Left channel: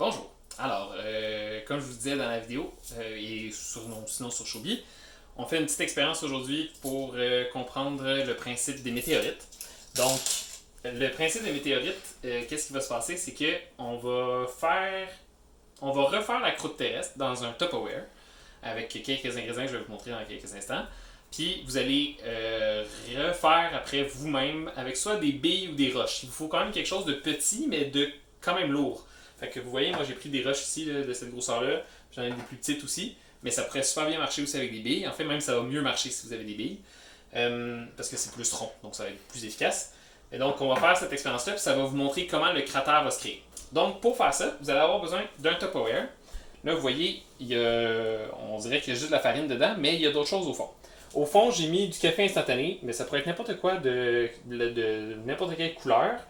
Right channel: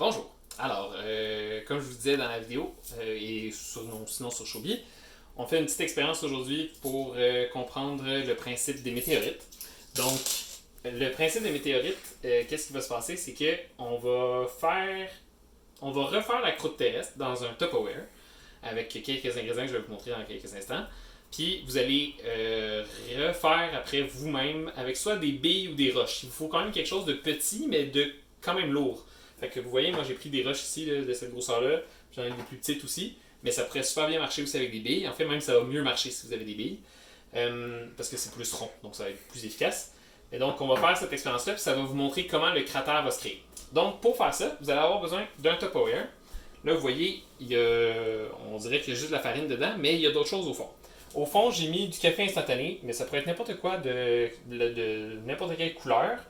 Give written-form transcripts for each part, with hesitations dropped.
Bonjour. Alors, comme je vous disais dans la vidéo, sinon sur Shobi, on fait une petite expérience aujourd'hui pour comprendre le principe des météorites. Donc, le principe des météorites, qu'est-ce qui va se passer? C'est que on va refaire la croûte terrestre dans un Tupperware avec quelques ingrédients que je vais vous montrer dans quelques instants. Puis vous allez refaire après vous-même avec soit des billes ou des roches. Il vous faut quand même quelque chose de petit, mais de quand même lourd. Fait que vous voyez, moi j'ai pris des roches ici là, de cette grosseur-là. J'en ai des plus petites aussi. Mais ça pourrait super bien marcher aussi avec des billes. En fait, même ça va mieux marcher si vous avez des billes. Parce que c'est plus rond, donc ça va être plus efficace. Et donc on va faire cette expérience-là, puis ça va vous montrer comment le cratère va se créer. Donc pour faire ça, vous allez avoir besoin d'un Tupperware. Là, vous voyez, on dirait qu'il y a juste de la farine dedans, mais il y a d'autres choses au fond. Au fond, j'ai mis du café instantané, mais ça pourrait être n'importe quoi de n'importe quelle couleur,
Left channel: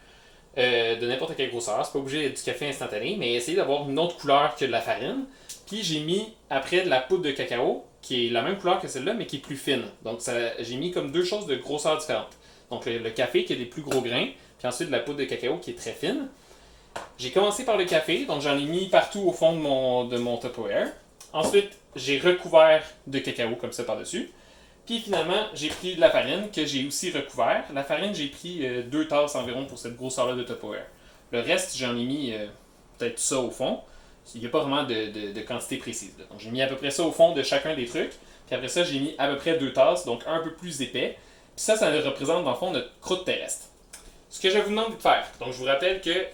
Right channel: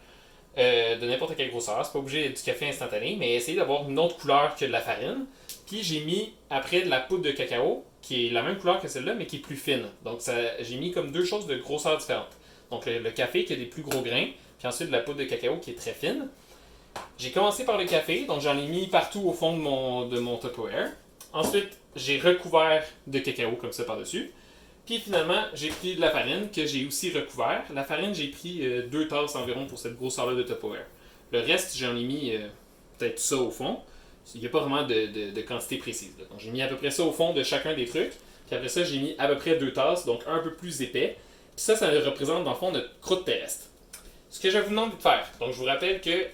de n'importe quelle grosseur. C'est pas obligé d'être du café instantané, mais essayez d'avoir une autre couleur que de la farine. Puis j'ai mis après de la poudre de cacao, qui est la même couleur que celle-là, mais qui est plus fine. Donc j'ai mis comme deux choses de grosseur différentes. Donc le café qui a des plus gros grains, puis ensuite de la poudre de cacao qui est très fine. J'ai commencé par le café, donc j'en ai mis partout au fond de mon Tupperware. Ensuite, j'ai recouvert de cacao comme ça par-dessus. Puis finalement, j'ai pris de la farine que j'ai aussi recouvert. La farine, j'ai pris 2 tasses environ pour cette grosseur-là de Tupperware. Le reste, j'en ai mis peut-être ça au fond. Il n'y a pas vraiment de quantité précise. Là. Donc j'ai mis à peu près ça au fond de chacun des trucs. Puis après ça, j'ai mis à peu près 2 tasses, donc un peu plus épais. Puis ça représente dans le fond notre croûte terrestre. Ce que je vous demande de faire, donc je vous rappelle que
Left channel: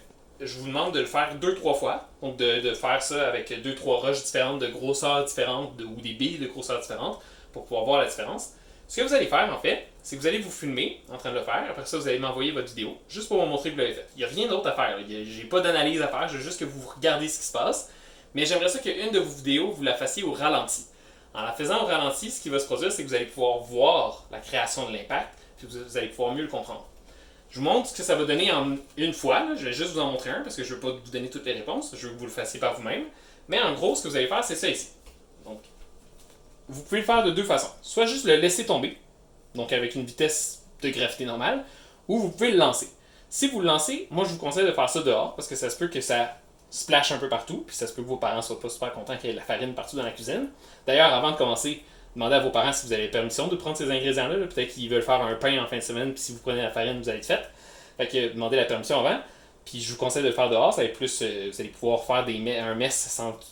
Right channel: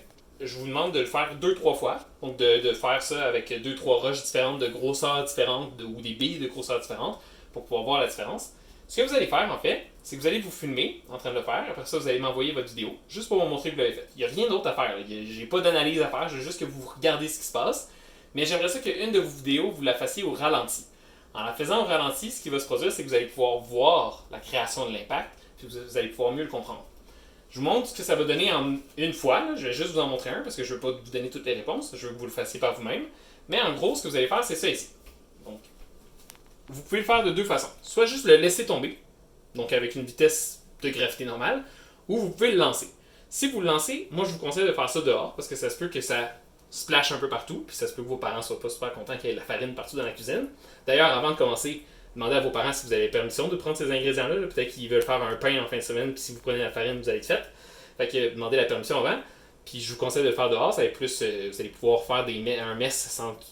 je vous demande de le faire 2-3 fois. Donc de faire ça avec 2-3 roches différentes, de grosseurs différentes, ou des billes de grosseurs différentes, pour pouvoir voir la différence. Ce que vous allez faire, en fait, c'est que vous allez vous filmer en train de le faire. Après ça, vous allez m'envoyer votre vidéo, juste pour me montrer que vous l'avez fait. Il n'y a rien d'autre à faire. J'ai pas d'analyse à faire, je veux juste que vous regardez ce qui se passe. Mais j'aimerais ça qu'une de vos vidéos, vous la fassiez au ralenti. En la faisant au ralenti, ce qui va se produire, c'est que vous allez pouvoir voir la création de l'impact, puis vous allez pouvoir mieux le comprendre. Je vous montre ce que ça va donner en une fois. Là. Je vais juste vous en montrer un parce que je ne veux pas vous donner toutes les réponses. Je veux que vous le fassiez par vous-même. Mais en gros, ce que vous allez faire, c'est ça ici. Donc, vous pouvez le faire de deux façons. Soit juste le laisser tomber, donc avec une vitesse de gravité normale, ou vous pouvez le lancer. Si vous le lancez, moi je vous conseille de faire ça dehors parce que ça se peut que ça splash un peu partout, puis ça se peut que vos parents ne soient pas super contents qu'il y ait de la farine partout dans la cuisine. D'ailleurs, avant de commencer, demandez à vos parents si vous avez permission de prendre ces ingrédients-là. Peut-être qu'ils veulent faire un pain en fin de semaine, puis si vous prenez la farine, vous allez être fait. Fait que demandez la permission avant. Puis je vous conseille de le faire dehors, ça va être plus, vous allez pouvoir faire un mess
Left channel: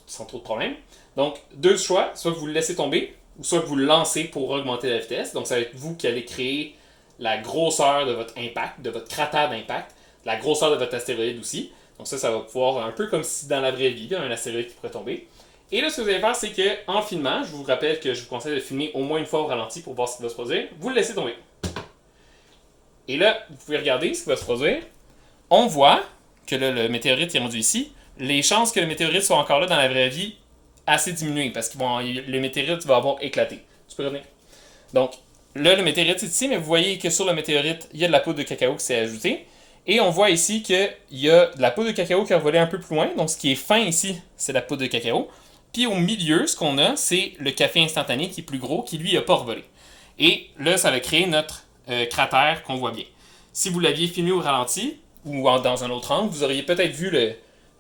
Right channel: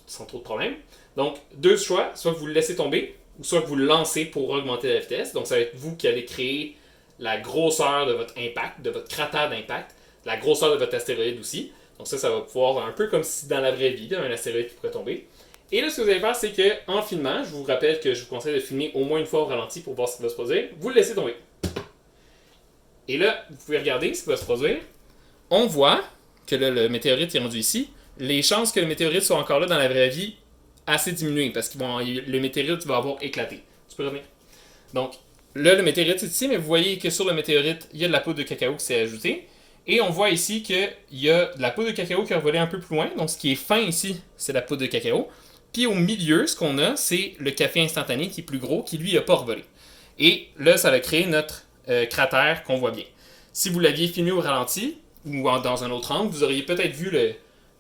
sans trop de problème. Donc, deux choix, soit vous le laissez tomber, ou soit vous le lancez pour augmenter la vitesse. Donc, ça va être vous qui allez créer la grosseur de votre impact, de votre cratère d'impact, la grosseur de votre astéroïde aussi. Donc ça va pouvoir, un peu comme si dans la vraie vie, un astéroïde qui pourrait tomber. Et là, ce que vous allez faire, c'est qu'en filmant, je vous rappelle que je vous conseille de filmer au moins une fois au ralenti pour voir ce qui va se produire, vous le laissez tomber. Et là, vous pouvez regarder ce qui va se produire. On voit que là, le météorite est rendu ici. Les chances que le météorite soit encore là dans la vraie vie, assez diminuées, parce que le météorite va avoir éclaté. Tu peux revenir. Donc, là, le météorite est ici, mais vous voyez que sur le météorite, il y a de la poudre de cacao qui s'est ajoutée. Et on voit ici qu'il y a de la poudre de cacao qui a volé un peu plus loin. Donc, ce qui est fin ici, c'est la poudre de cacao. Puis au milieu, ce qu'on a, c'est le café instantané qui est plus gros, qui lui n'a pas revolé. Et là, ça a créé notre cratère qu'on voit bien. Si vous l'aviez filmé au ralenti, ou dans un autre angle, vous auriez peut-être vu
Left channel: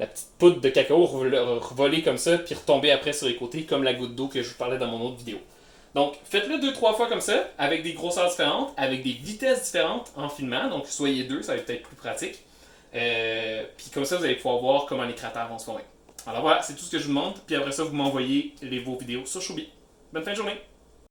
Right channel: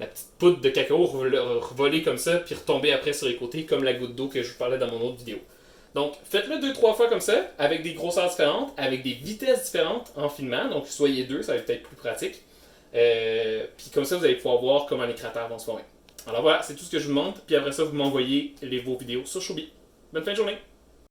la petite poudre de cacao revoler comme ça, puis retomber après sur les côtés, comme la goutte d'eau que je vous parlais dans mon autre vidéo. Donc, faites-le 2-3 fois comme ça, avec des grosseurs différentes, avec des vitesses différentes en filmant. Donc, soyez deux, ça va être peut-être plus pratique. Puis comme ça, vous allez pouvoir voir comment les cratères vont se former. Alors voilà, c'est tout ce que je vous montre. Puis après ça, vous m'envoyez vos vidéos sur Shobi. Bonne fin de journée!